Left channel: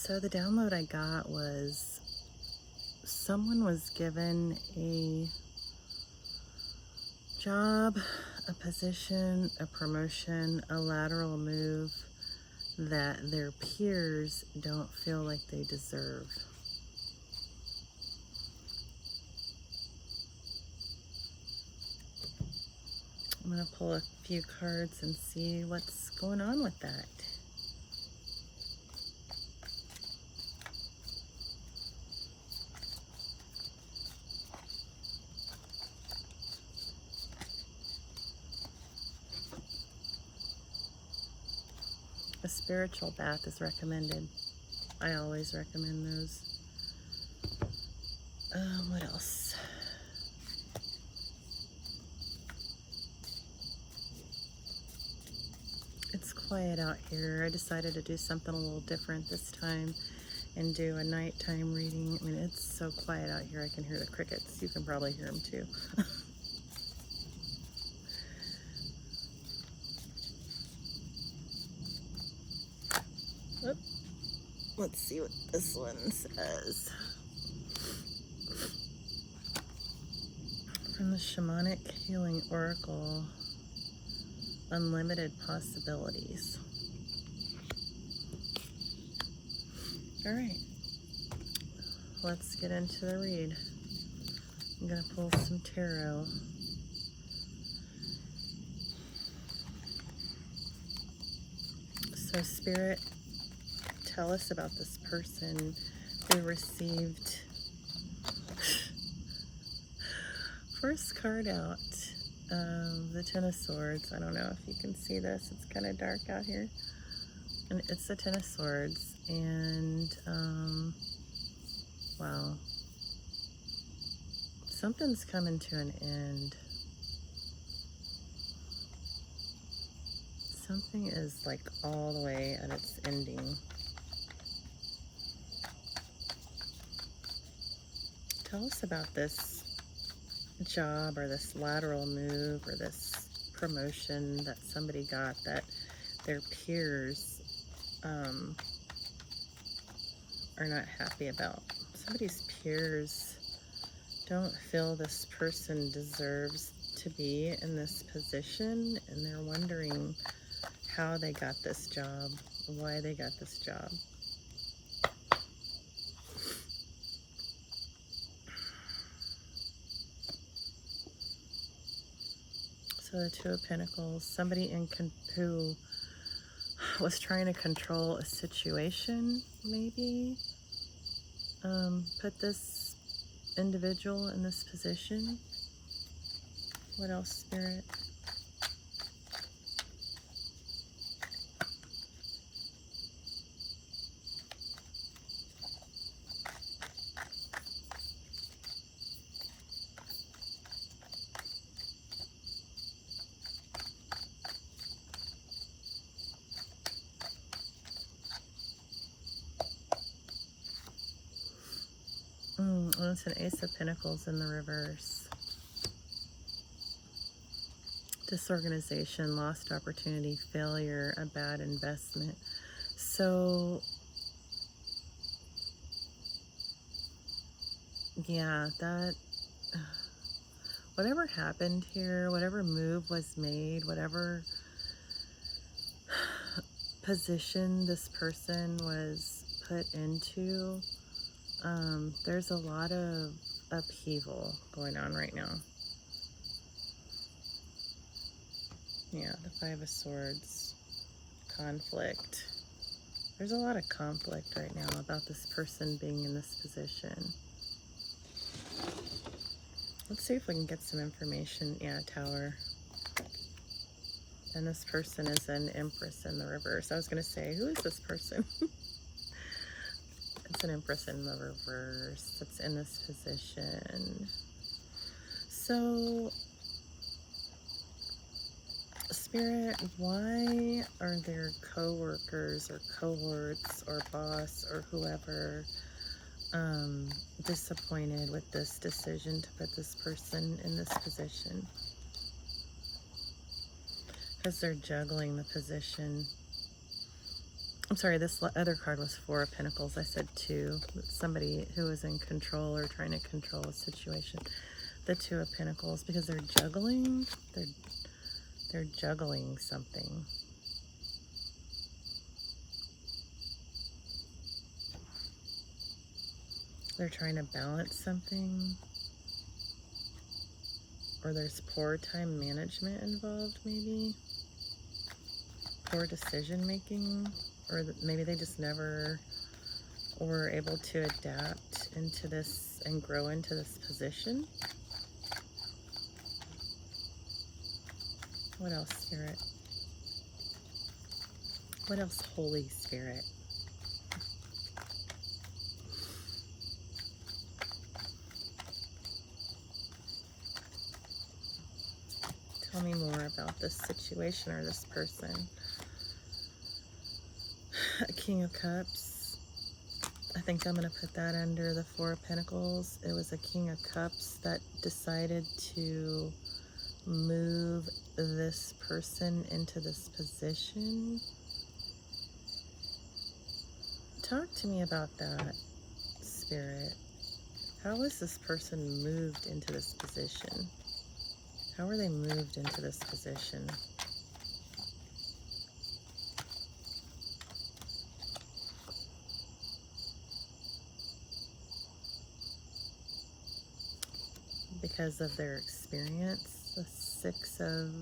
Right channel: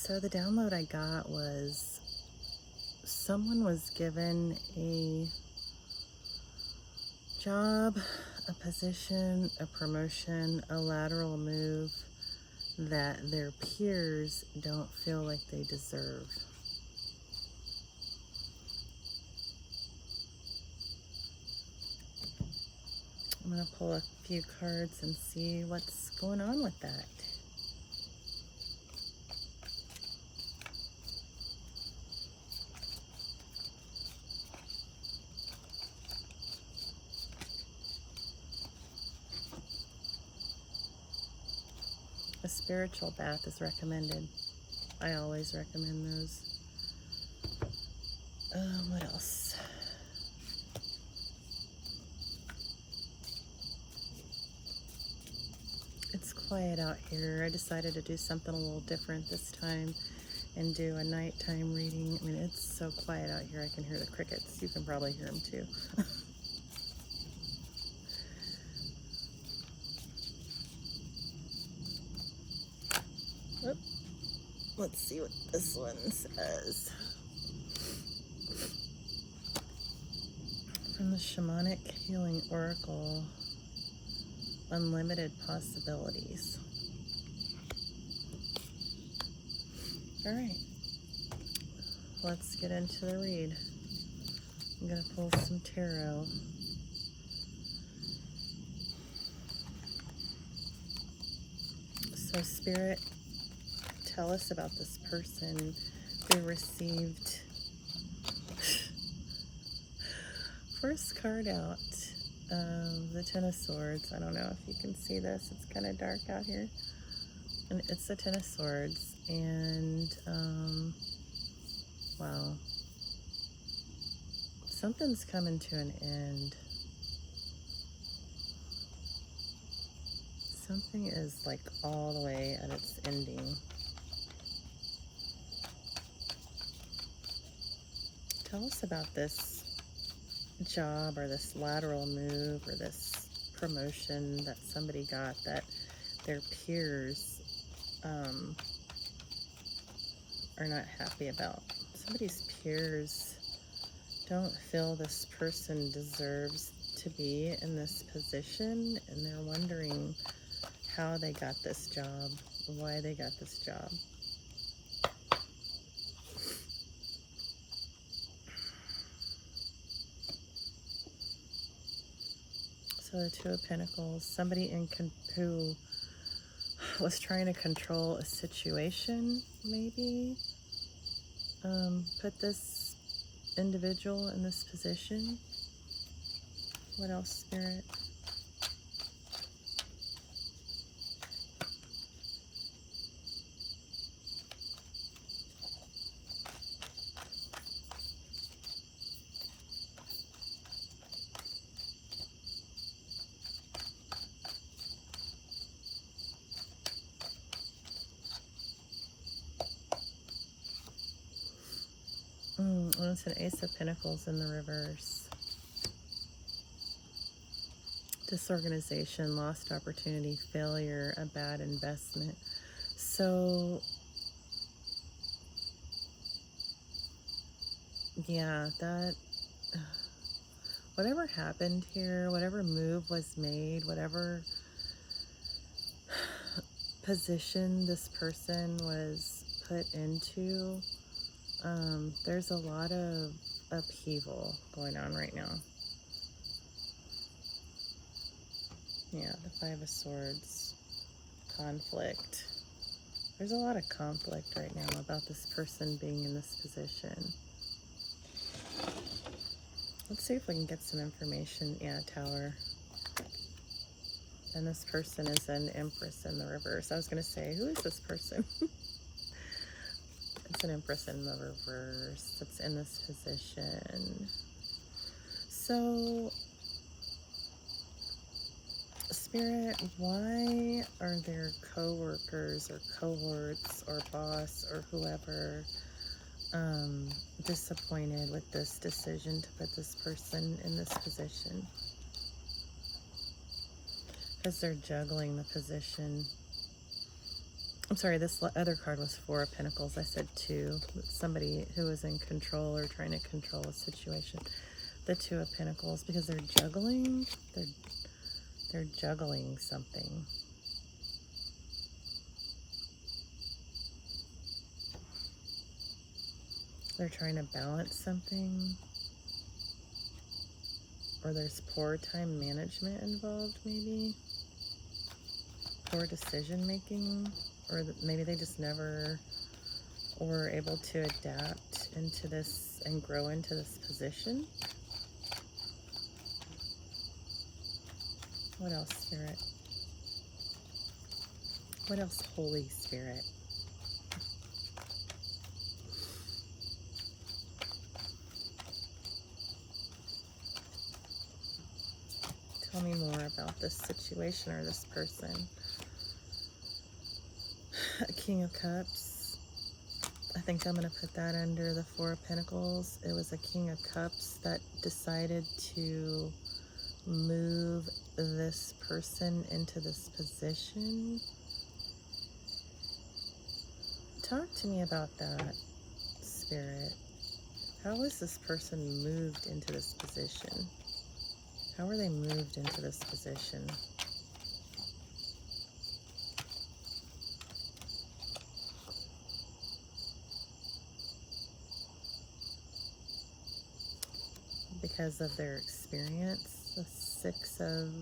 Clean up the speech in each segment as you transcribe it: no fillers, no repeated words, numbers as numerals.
So the download I got was someone was given a job, a position, a promotion, a lateral move that their peers don't feel like they deserve. I'm going to pull a few cards and see what's going on with that. A spiritual bath is recommended. I always recommend those. What else? It's quiet out here. I decided to do something a little different this time and do a nighttime reading. I mean, it's so quiet out here. I can hear the crickets. You can probably hear them too. Oop. Let's see what this one says. From the Shamanic Healing Oracle, Unlimited Possibilities. All right, let's get into the read. I'm going to pull some tarot. So, Spirit, tell us about this person who received first card out, the Ten of Swords. I don't know if you can see this. It's kind of dark out here. And it's the Ten of Swords. And, wow. Something's coming to an end. Something is like all the way at its ending. Tell us about this job or this lateral move or this promotion that somebody got that their peers are not happy about. Somebody's peers don't feel this person deserves to be in this position, and they're wondering how they got this job, why they got this job. So the Two of Pentacles, somebody who was trying to control a situation, maybe, put this individual in this position. What else, Spirit? Oh, it's an Ace of Pentacles in the reverse. Disorganization, lost opportunity, failure, a bad investment. So, yeah, that, whatever happened here, whatever move was made, whatever position this person was put into, there's a lot of upheaval going on right now. Yeah, the Five of Swords, conflict. There's a lot of conflict right now about this person being in this position. Let's see if we can get some information. Yeah, Tower. And this person is an Empress in the reverse. I was going to say, who is this person? It's an Empress in the reverse that's in this position. So, Spirit, why are there co-workers or cohorts or boss or whoever disappointed with this decision to put this person in this position? Because they're juggling the position. I'm sorry, this other card was Four of Pentacles. I said two. Somebody who is in control or trying to control a situation. The Two of Pentacles, because they're juggling. They're juggling something. They're trying to balance something. Or there's poor time management involved, maybe. Poor decision making. Or maybe they just never were able to adapt into this and grow into this position. What else, Spirit? What else, Holy Spirit? Tell me more about this situation or this person. A King of Cups. I think I'm going to put that under the Four of Pentacles. It was a King of Cups that decided to move this person into this position. Talk to me about that, Spirit. How was this person moved into this position? How were they moved into this position? Because of their experience. The Six of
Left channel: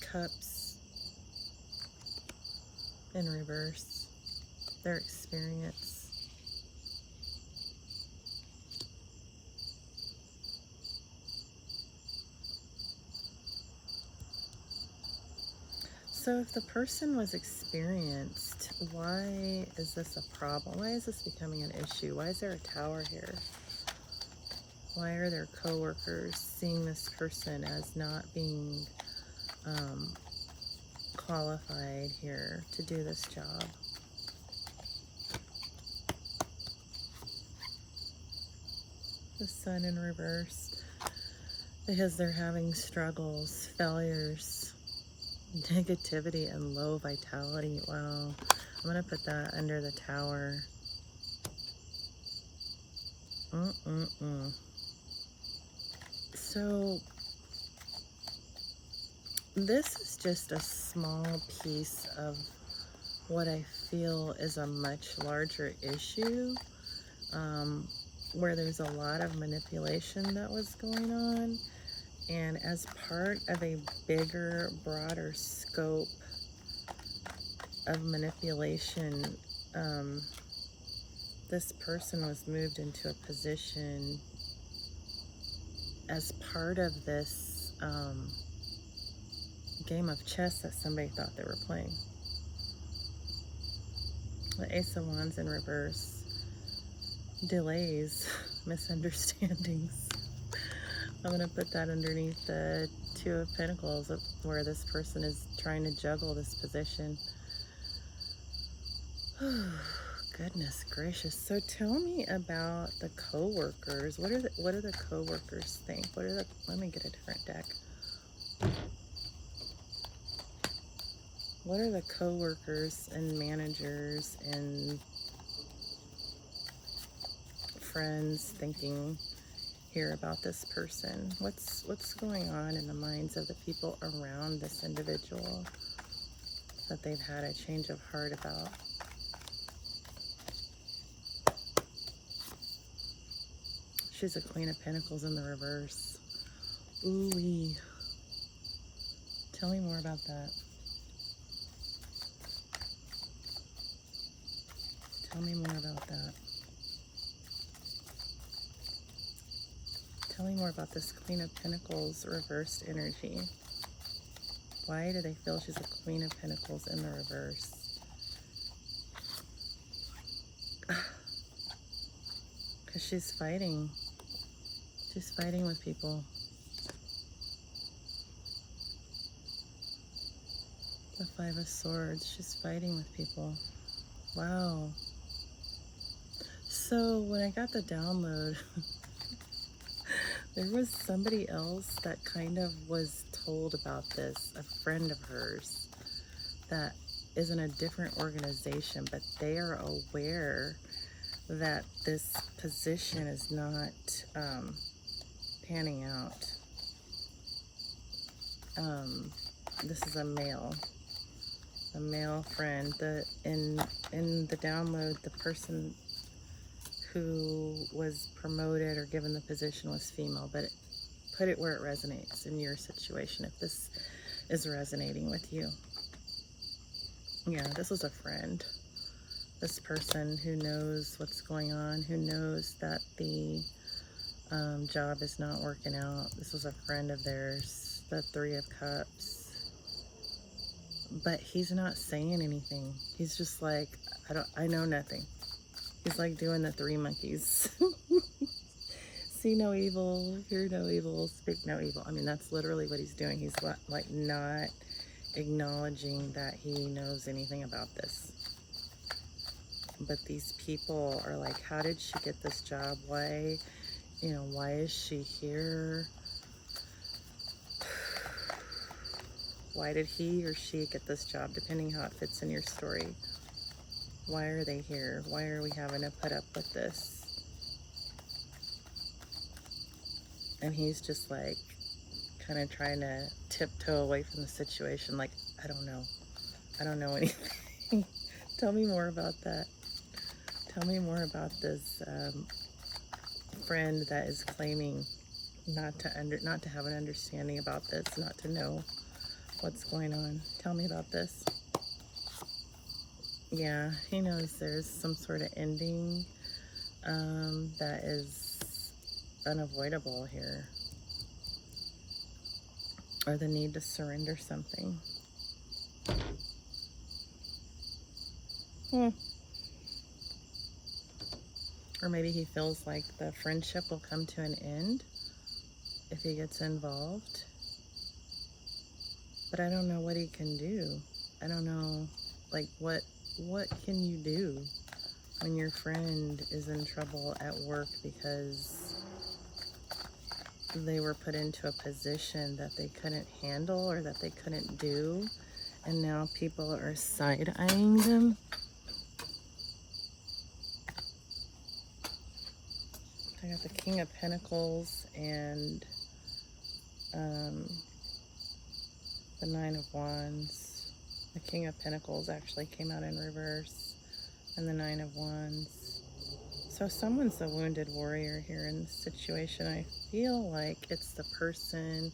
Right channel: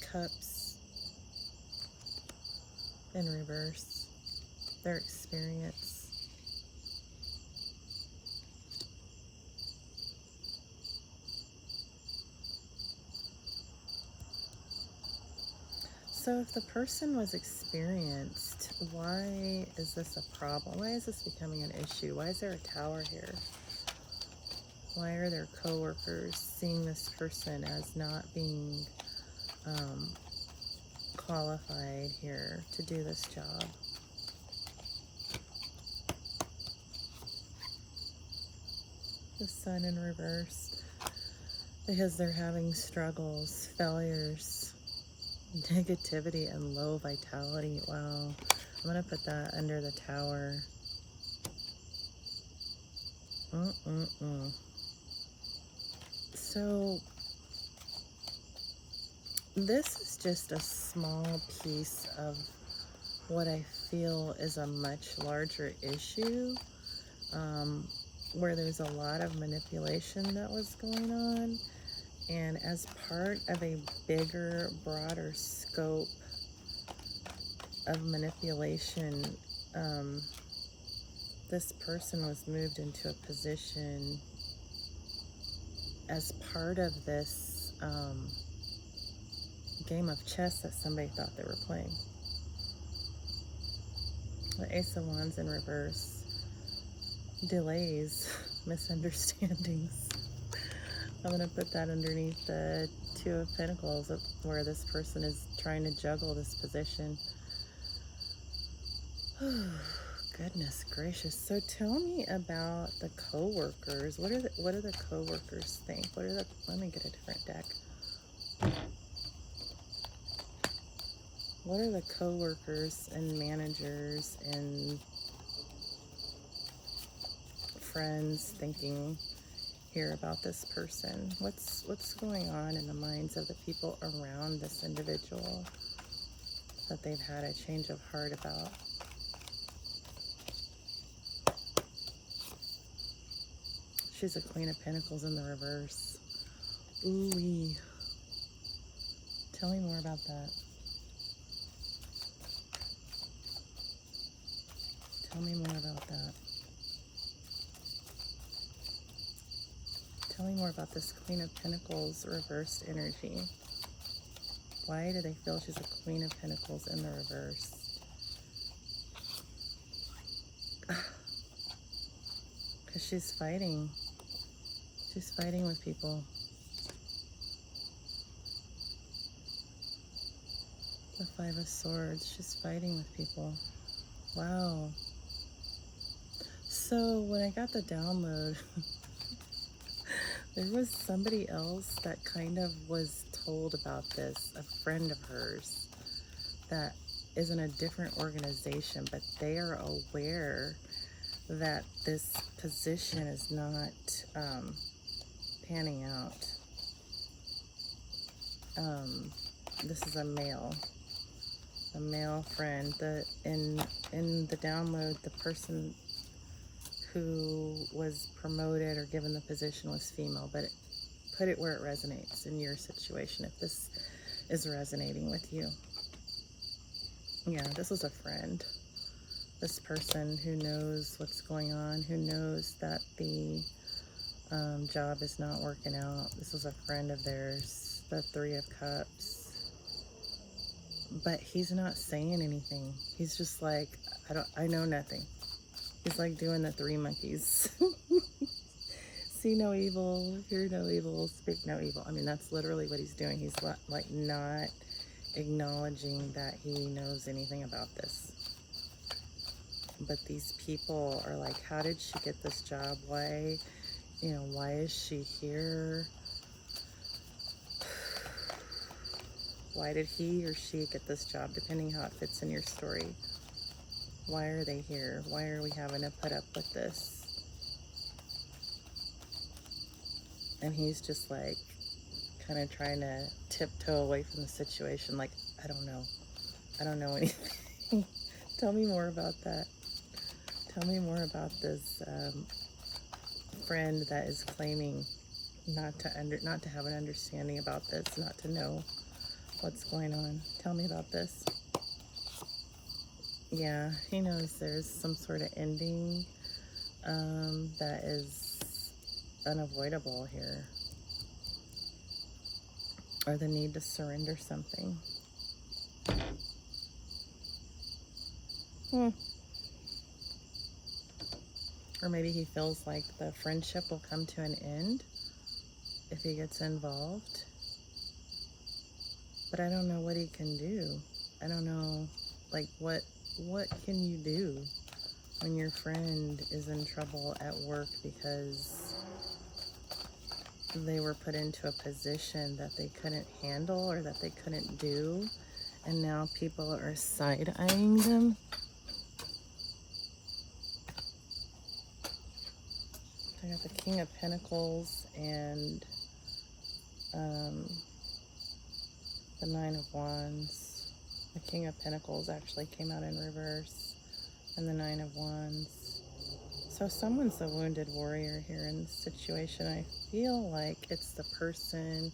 Cups in reverse. Their experience. So if the person was experienced, why is this a problem? Why is this becoming an issue? Why is there a Tower here? Why are their coworkers seeing this person as not being qualified here to do this job? The Sun in reverse. Because they're having struggles, failures, negativity, and low vitality. Wow. I'm going to put that under the Tower. So, this is just a small piece of what I feel is a much larger issue, where there's a lot of manipulation that was going on. And as part of a bigger, broader scope of manipulation, this person was moved into a position as part of this game of chess that somebody thought they were playing. The Ace of Wands in reverse. Delays, misunderstandings. I'm going to put that underneath the Two of Pentacles, where this person is trying to juggle this position. Goodness gracious. So tell me about the co-workers. What do the co-workers think? Let me get a different deck. What are the co-workers and managers and friends thinking here about this person? What's going on in the minds of the people around this individual that they've had a change of heart about? She's a Queen of Pentacles in the reverse. Ooh-wee. Tell me more about that. Tell me more about that. Tell me more about this Queen of Pentacles reversed energy. Why do they feel she's a Queen of Pentacles in the reverse? Because she's fighting. She's fighting with people. The Five of Swords. She's fighting with people. Wow. So when I got the download, there was somebody else that kind of was told about this, a friend of hers, that is in a different organization, but they are aware that this position is not panning out. This is a male friend. In the download, the person who was promoted or given the position was female, but put it where it resonates in your situation if this is resonating with you. Yeah, this is a friend. This person who knows what's going on, who knows that the job is not working out. This was a friend of theirs, the Three of Cups. But he's not saying anything. He's just like, I know nothing. He's like doing the three monkeys. See no evil, hear no evil, speak no evil. I mean, that's literally what he's doing. He's like not acknowledging that he knows anything about this. But these people are like, how did she get this job? Why is she here? Why did he or she get this job, depending how it fits in your story? Why are they here? Why are we having to put up with this? And he's just like kind of trying to tiptoe away from the situation, like, I don't know anything. Tell me more about that. Tell me more about this friend that is claiming not to have an understanding about this, not to know what's going on. Tell me about this. Yeah, he knows there's some sort of ending that is unavoidable here, or the need to surrender something. Or maybe he feels like the friendship will come to an end if he gets involved. But I don't know what he can do. I don't know, like, what can you do when your friend is in trouble at work because they were put into a position that they couldn't handle or that they couldn't do, and now people are side-eyeing them? I got the King of Pentacles and the Nine of Wands. The King of Pentacles actually came out in reverse, and the Nine of Wands. So someone's a wounded warrior here in this situation. I feel like it's the person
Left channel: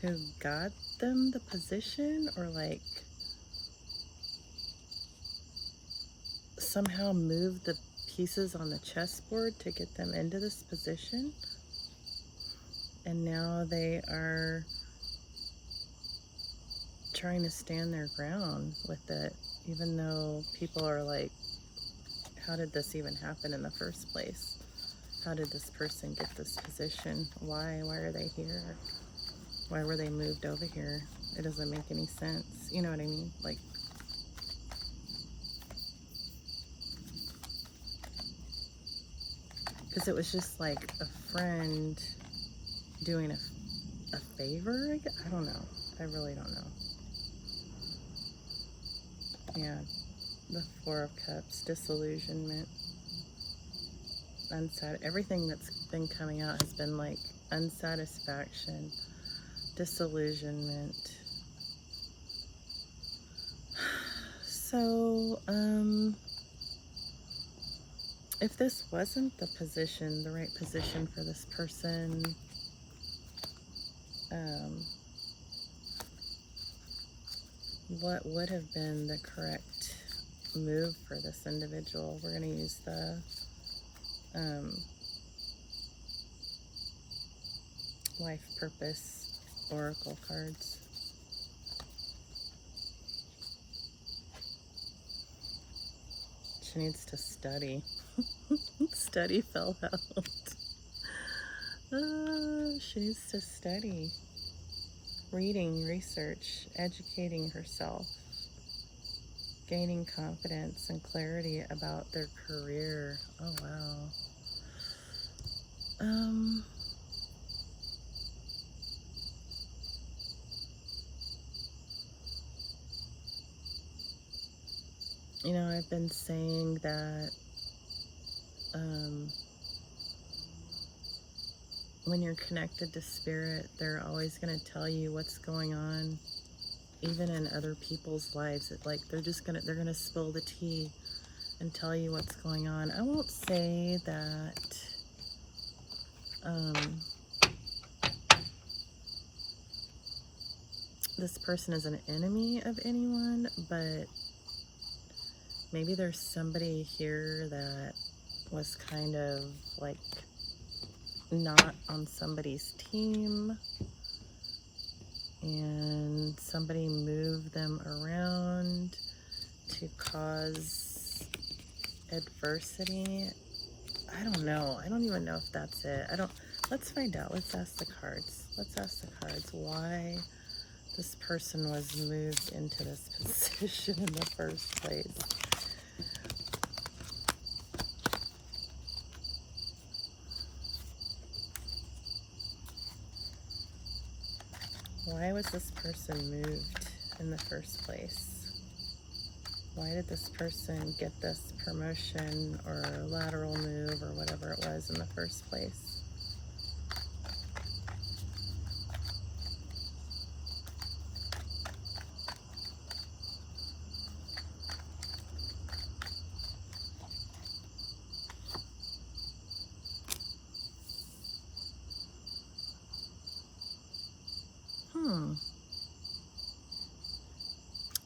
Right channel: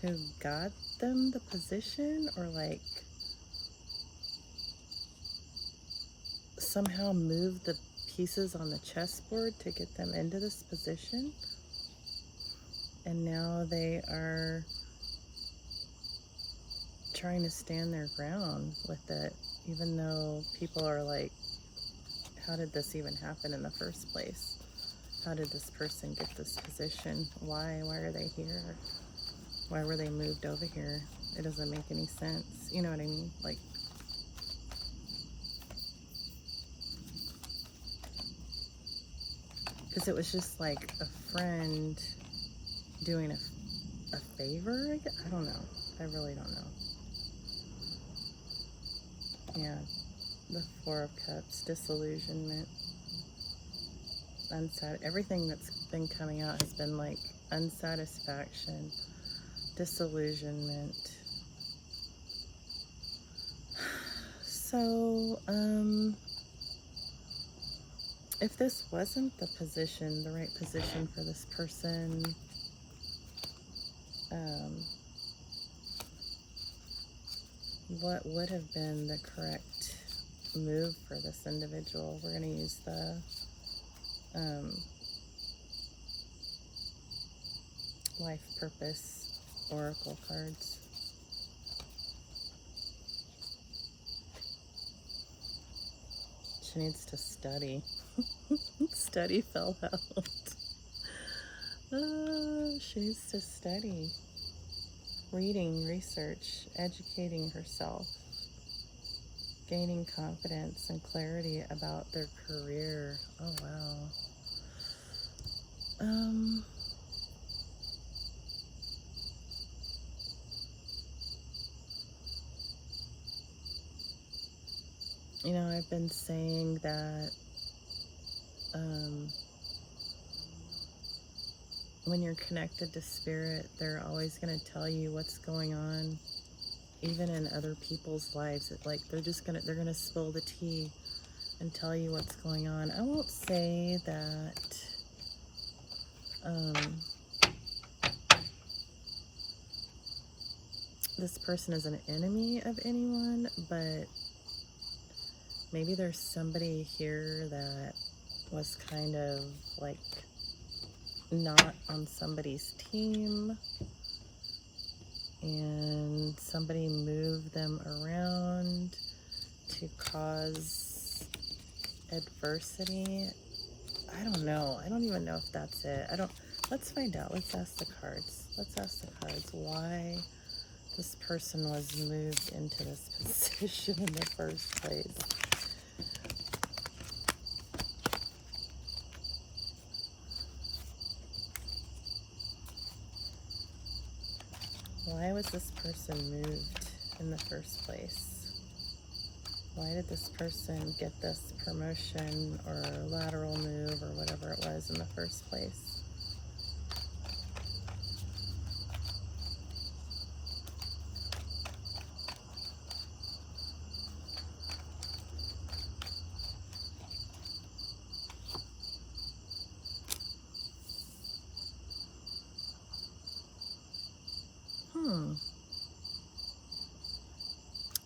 who got them the position, or like somehow moved the pieces on the chessboard to get them into this position. And now they are trying to stand their ground with it, even though people are like, how did this even happen in the first place? How did this person get this position? Why are they here? Why were they moved over here? It doesn't make any sense. You know what I mean? Like, because it was just like a friend doing a favor. I don't know. I really don't know. Yeah, the Four of Cups, disillusionment, everything that's been coming out has been like unsatisfaction, disillusionment. So, if this wasn't the right position for this person, what would have been the correct move for this individual? We're going to use the life purpose oracle cards. She needs to study. Study fell out. She needs to study. Reading, research, educating herself, gaining confidence and clarity about their career. Oh, wow. You know, I've been saying that um, when you're connected to spirit, they're always going to tell you what's going on, even in other people's lives. Like they're gonna spill the tea and tell you what's going on. I won't say that um, this person is an enemy of anyone, but maybe there's somebody here that was kind of like not on somebody's team, and somebody moved them around to cause adversity. I don't know. I don't even know if that's it. Let's find out. Let's ask the cards. Let's ask the cards why this person was moved into this position in the first place. Why was this person moved in the first place? Why did this person get this promotion or lateral move or whatever it was in the first place?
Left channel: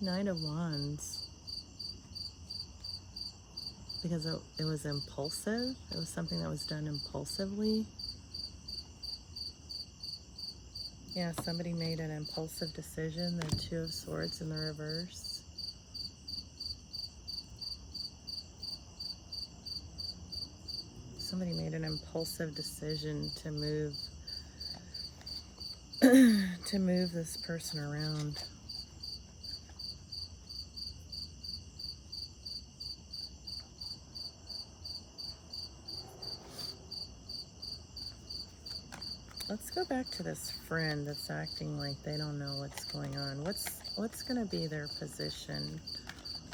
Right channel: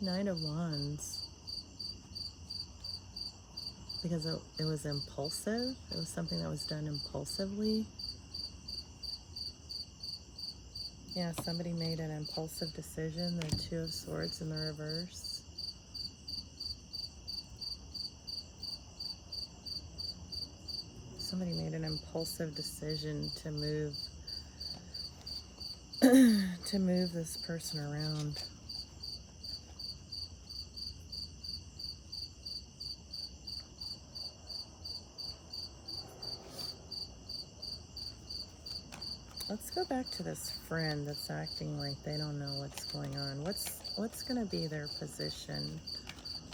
Knight of Wands. Because it was impulsive. It was something that was done impulsively. Yeah, somebody made an impulsive decision. The Two of Swords in the reverse. Somebody made an impulsive decision to move to move this person around. Let's go back to this friend that's acting like they don't know what's going on. What's going to be their position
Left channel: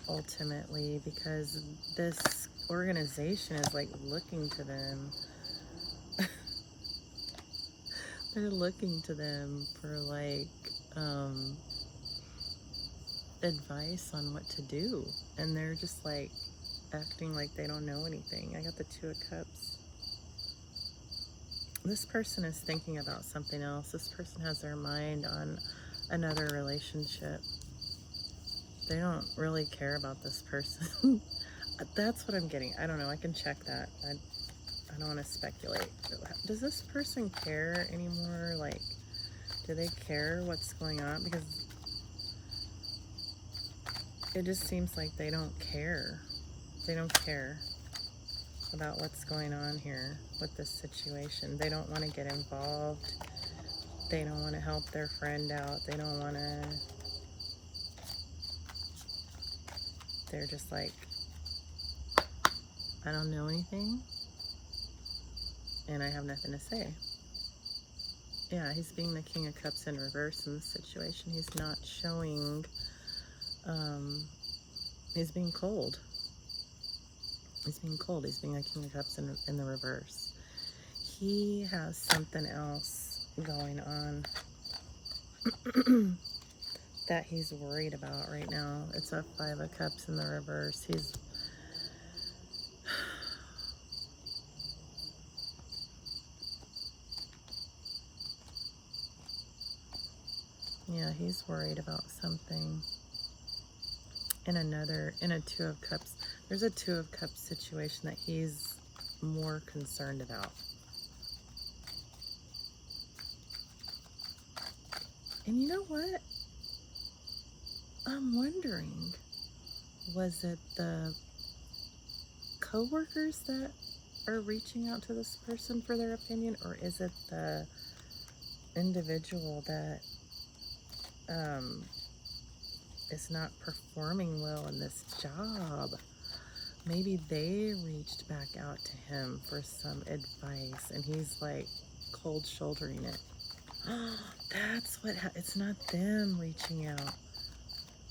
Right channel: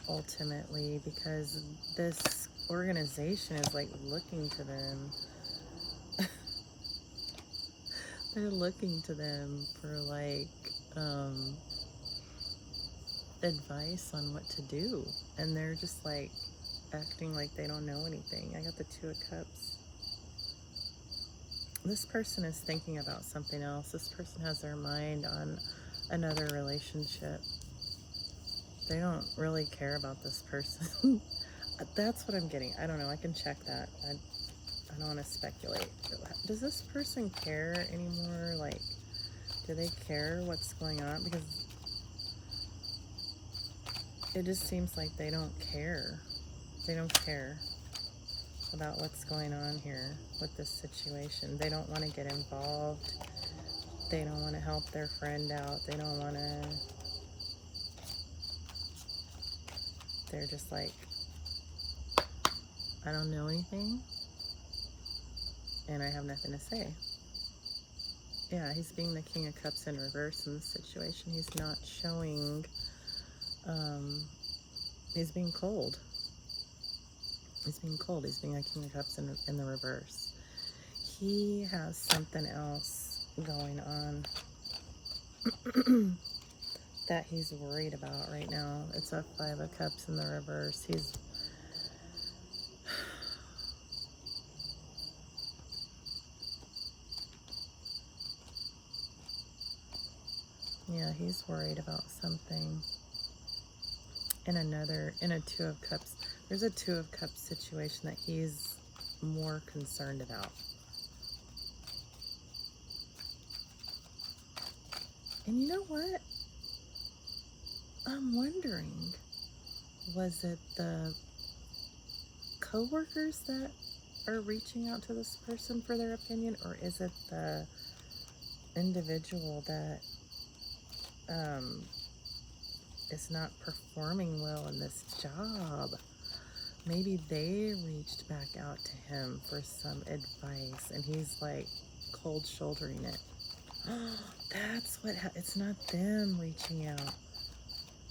ultimately? Because this organization is like looking to them. They're looking to them for like advice on what to do, and they're just like acting like they don't know anything. I got the Two of Cups. This person is thinking about something else. This person has their mind on another relationship. They don't really care about this person. That's what I'm getting. I don't know. I can check that. I don't want to speculate. Does this person care anymore? Like, do they care what's going on? Because it just seems like they don't care. They don't care about what's going on here with this situation. They don't want to get involved. They don't want to help their friend out. They don't want to. They're just like, I don't know anything, and I have nothing to say. Yeah, he's being the King of Cups in reverse in this situation. He's not showing, he's being cold. He's being cold. He's being a King of Cups in the reverse. He has something else going on that he's worried about right now. It's a Five of Cups in the reverse. He's worried about something. In a Two of Cups, there's a Two of Cups situation that he's more concerned about. And you know what? I'm wondering, was it the coworkers that are reaching out to this person for their opinion, or is it the individual that is not performing well in this job? Maybe they reached back out to him for some advice, and he's like cold shouldering it. That's what it's not them reaching out.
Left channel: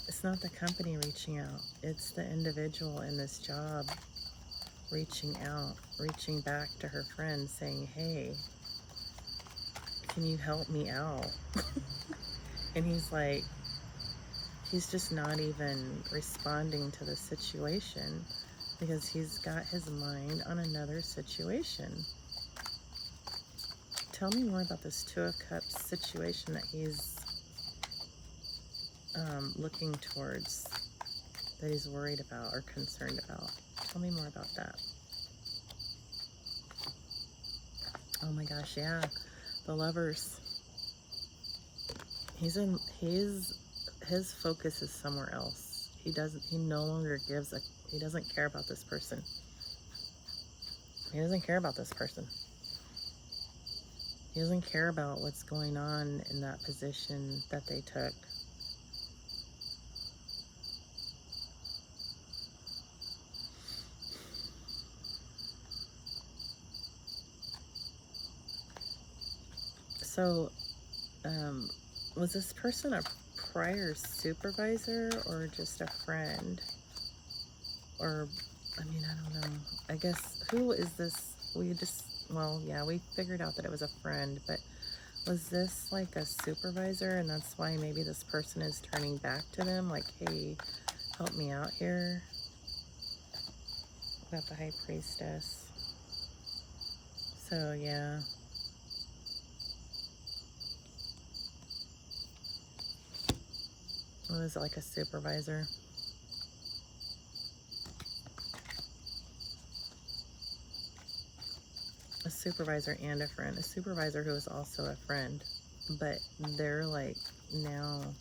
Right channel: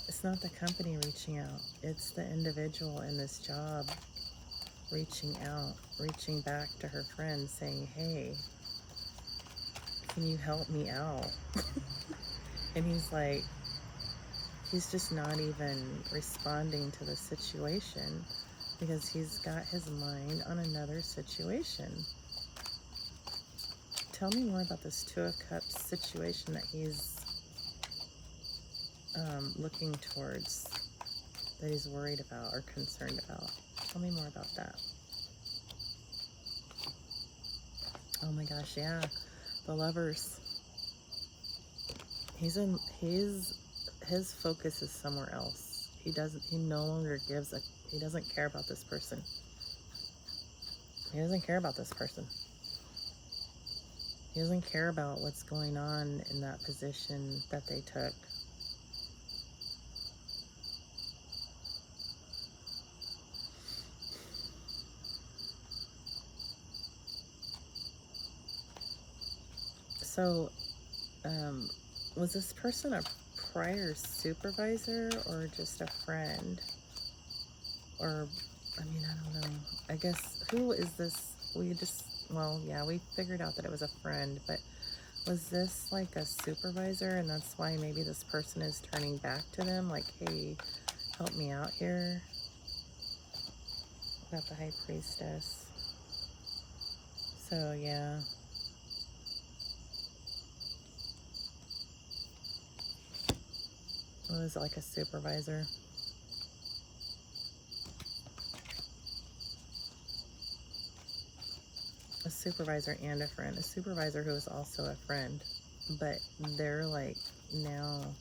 It's not the company reaching out. It's the individual in this job reaching out, reaching back to her friend saying, hey, can you help me out? And he's just not even responding to the situation because he's got his mind on another situation. Tell me more about this Two of Cups situation that he's looking towards, that he's worried about or concerned about. Tell me more about that. Oh my gosh, yeah. The Lovers. His focus is somewhere else. He no longer he doesn't care about this person. He doesn't care about this person. He doesn't care about what's going on in that position that they took. So, was this person a prior supervisor or just a friend? Or, I mean, I don't know. I guess, who is this? Well, yeah, we figured out that it was a friend, but was this like a supervisor, and that's why maybe this person is turning back to them, like, hey, help me out here? Got the High Priestess. So, yeah. What was it, like a supervisor? A supervisor and a friend. A supervisor who is also a friend, but they're like now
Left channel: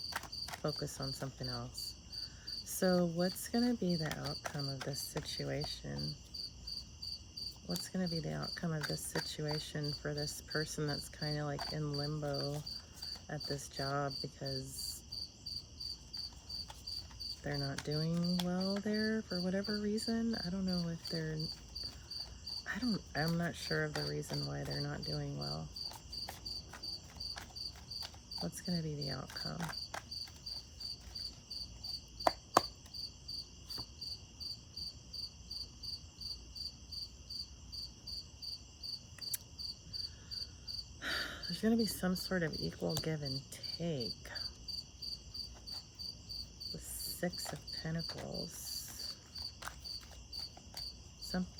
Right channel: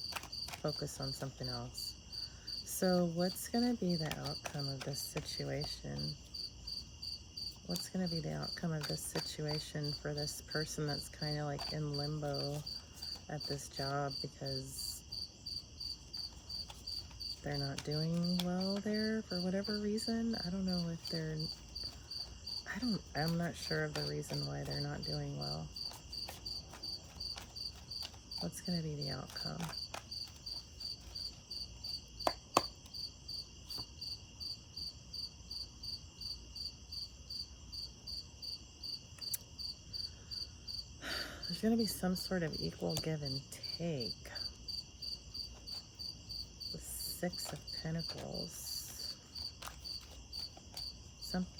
focused on something else. So what's going to be the outcome of this situation? What's going to be the outcome of this situation for this person that's kind of like in limbo at this job because they're not doing well there for whatever reason? I don't know if I'm not sure of the reason why they're not doing well. What's going to be the outcome? There's going to be some sort of equal give and take. The Six of Pentacles.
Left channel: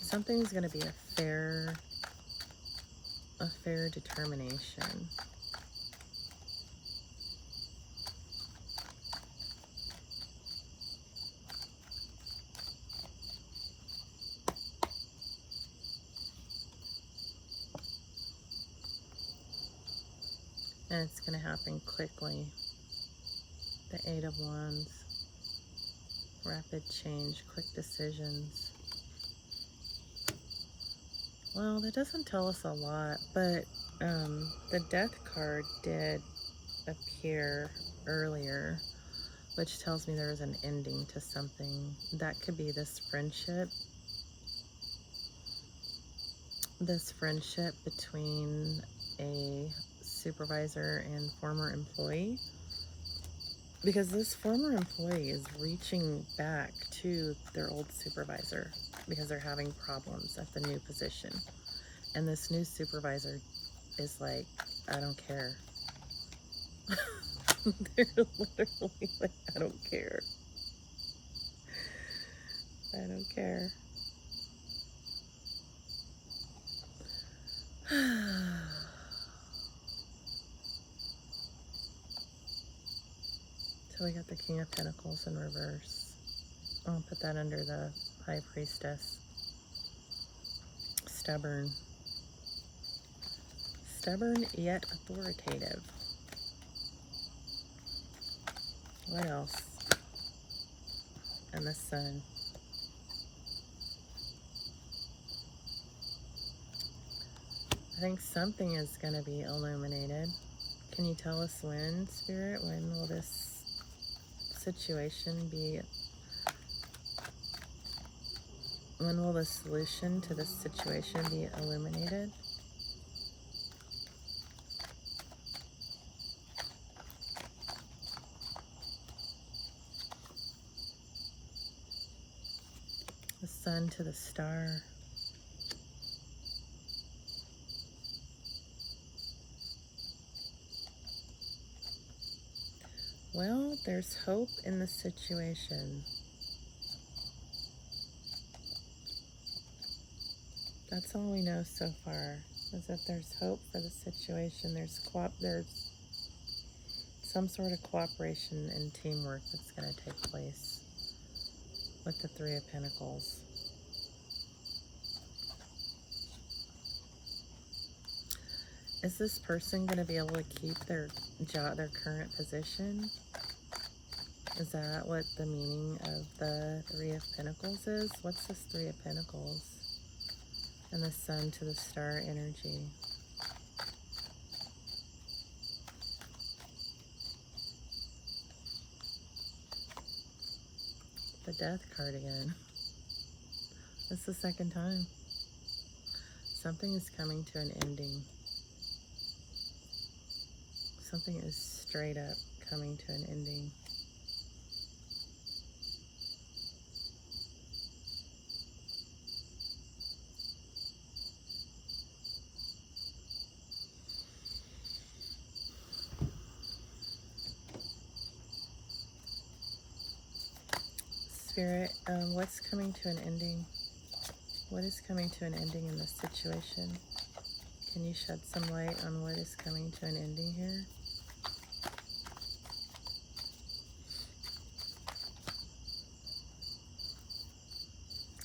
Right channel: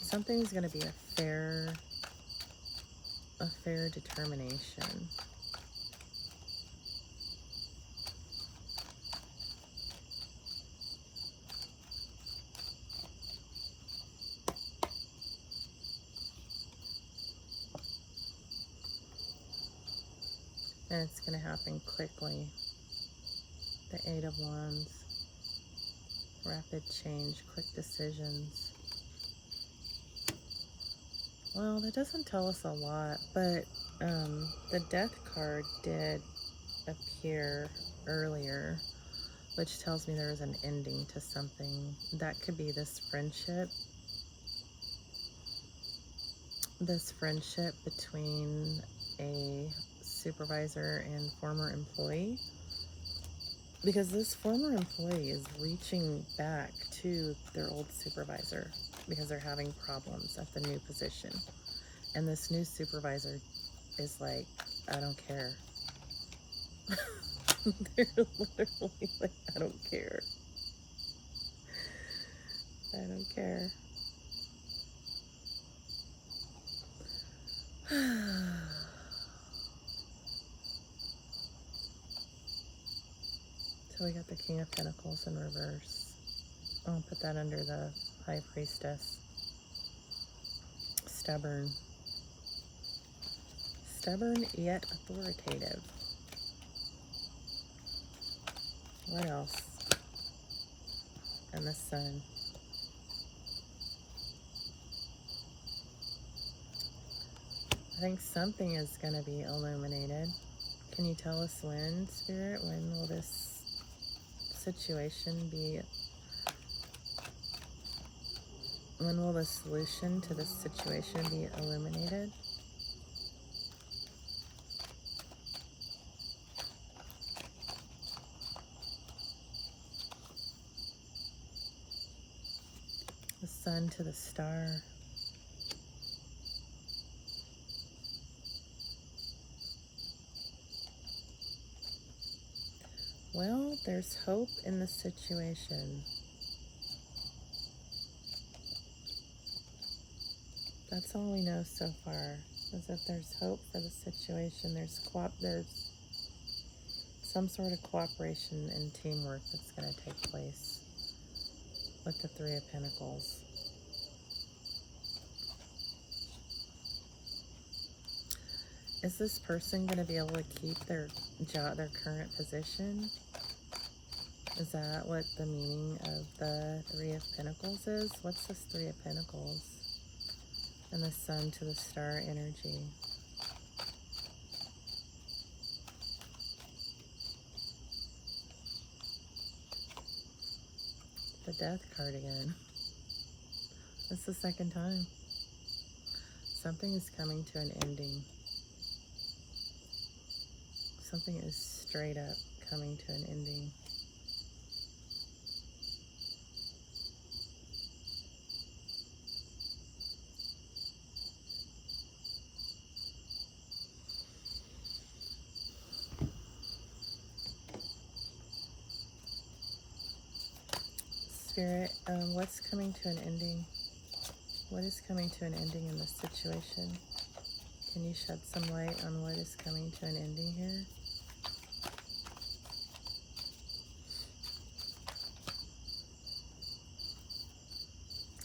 Something's going to be a fair determination. And it's going to happen quickly. The Eight of Wands. Rapid change, quick decisions. Well, that doesn't tell us a lot, but the Death card did appear earlier, which tells me there is an ending to something. That could be this friendship. This friendship between a supervisor and former employee. Because this former employee is reaching back to their old supervisor because they're having problems at the new position. And this new supervisor is like, I don't care. They're literally like, I don't care. I don't care. So we got the King of Pentacles in reverse. I'll put that under the High Priestess. Stubborn. Stubborn yet authoritative. What else? And the Sun. I think something is going to be illuminated. Can you tell us when, Spirit? When will this situation be? When will the solution to this situation be illuminated? The sun to the star. Well, there's hope in the situation. That's all we know so far, is that there's hope for the situation. There's some sort of cooperation and teamwork that's going to take place with the Three of Pentacles. Is this person going to be able to keep their job, their current position? Is that what the meaning of the Three of Pentacles is? What's this Three of Pentacles? And the sun to the star energy. The Death card again. It's the second time. Something is coming to an ending. Something is straight up coming to an ending. Spirit, what's coming to an ending? What is coming to an ending in this situation? Can you shed some light on what is coming to an ending here?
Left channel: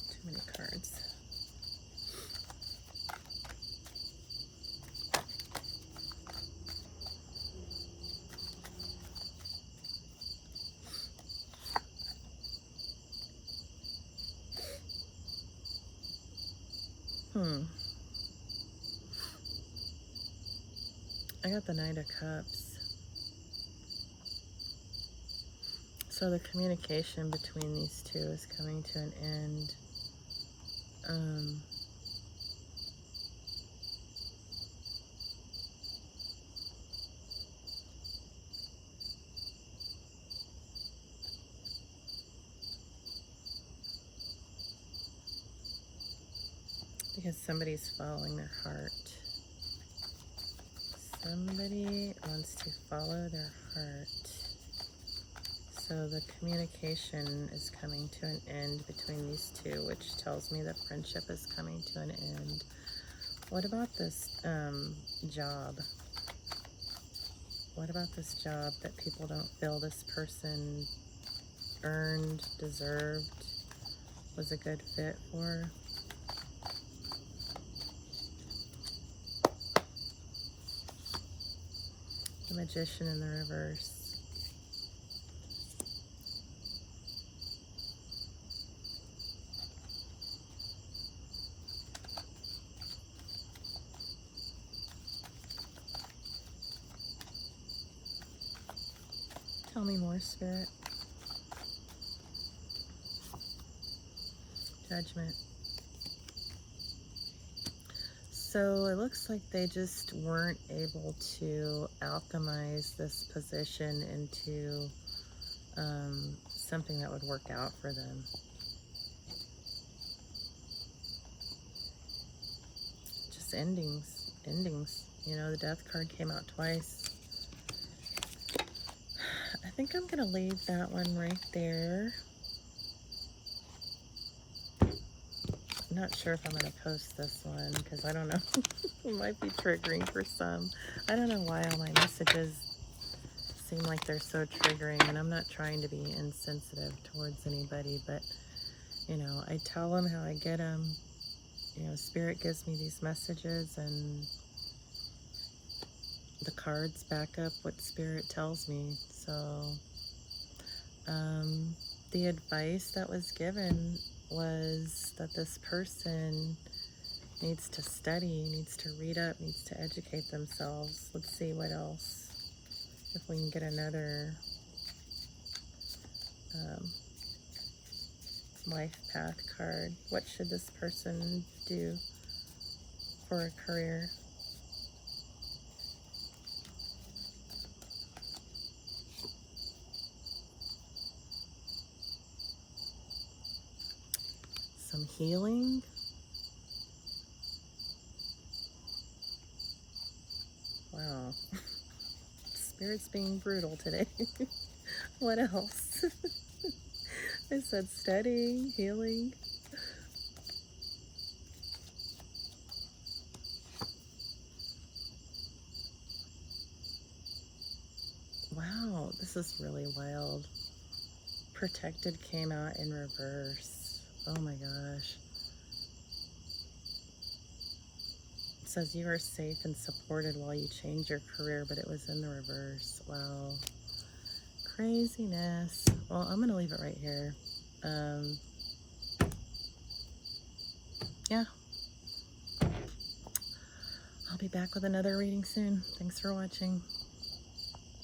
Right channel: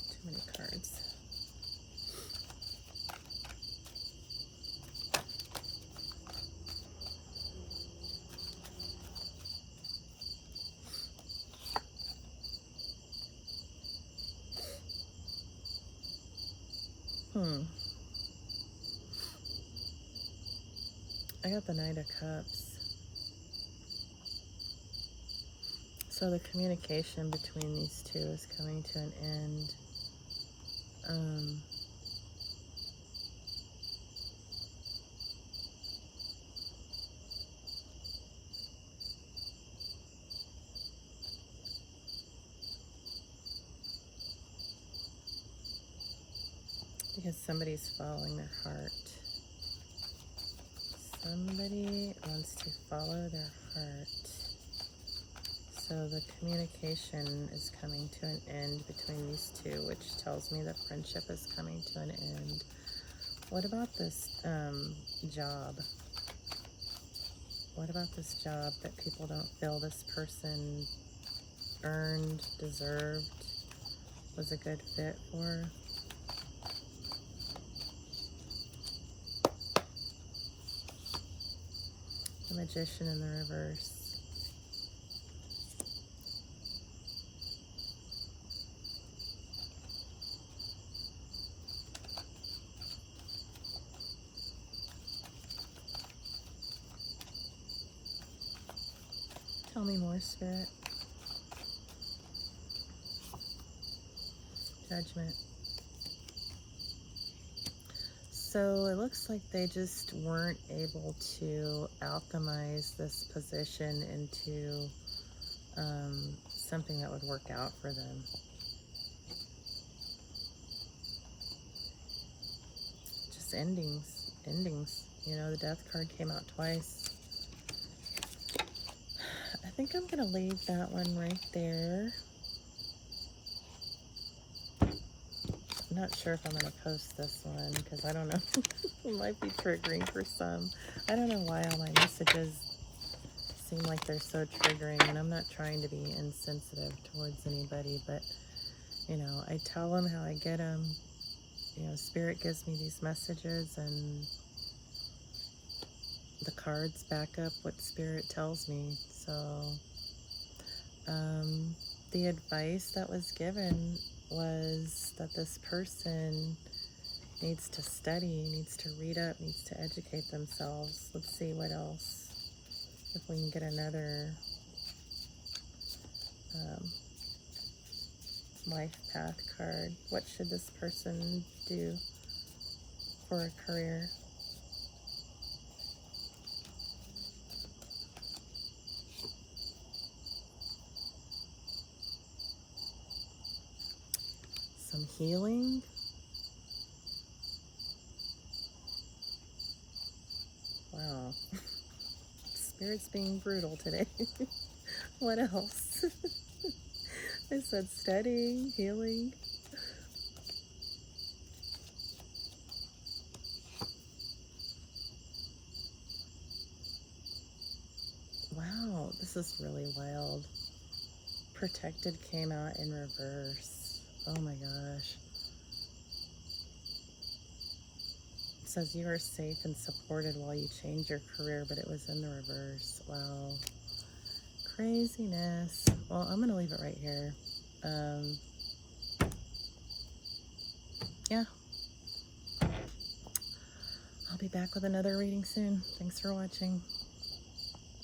Too many cards. I got the Knight of Cups. So the communication between these two is coming to an end. Because somebody's following their heart. Somebody wants to follow their heart. So the communication is coming to an end between these two, which tells me that friendship is coming to an end. What about this job? What about this job that people don't feel this person earned, deserved, was a good fit for? The Magician in the reverse. Tell me more, Spirit. Judgment. So it looks like they just weren't able to alchemize this position into something that would work out for them. Just endings. You know, the Death card came out twice. I think I'm going to leave that one right there. I'm not sure if I'm going to post this one because I don't know. It might be triggering for some. I don't know why all my messages seem like they're so triggering, and I'm not trying to be insensitive towards anybody, but, you know, I tell them how I get them. You know, Spirit gives me these messages, and the cards back up what Spirit tells me. So, the advice that was given was that this person needs to study, needs to read up, needs to educate themselves. Let's see what else. If we can get another life path card. What should this person do for a career? some healing. Wow. Spirit's being brutal today. What else? I said studying, healing. Wow, this is really wild. Protected came out in reverse. Oh my gosh. It says you are safe and supported while you change your career, but it was in the reverse. Wow. Craziness. Well, I'm going to leave it right here. Yeah. I'll be back with another reading soon. Thanks for watching.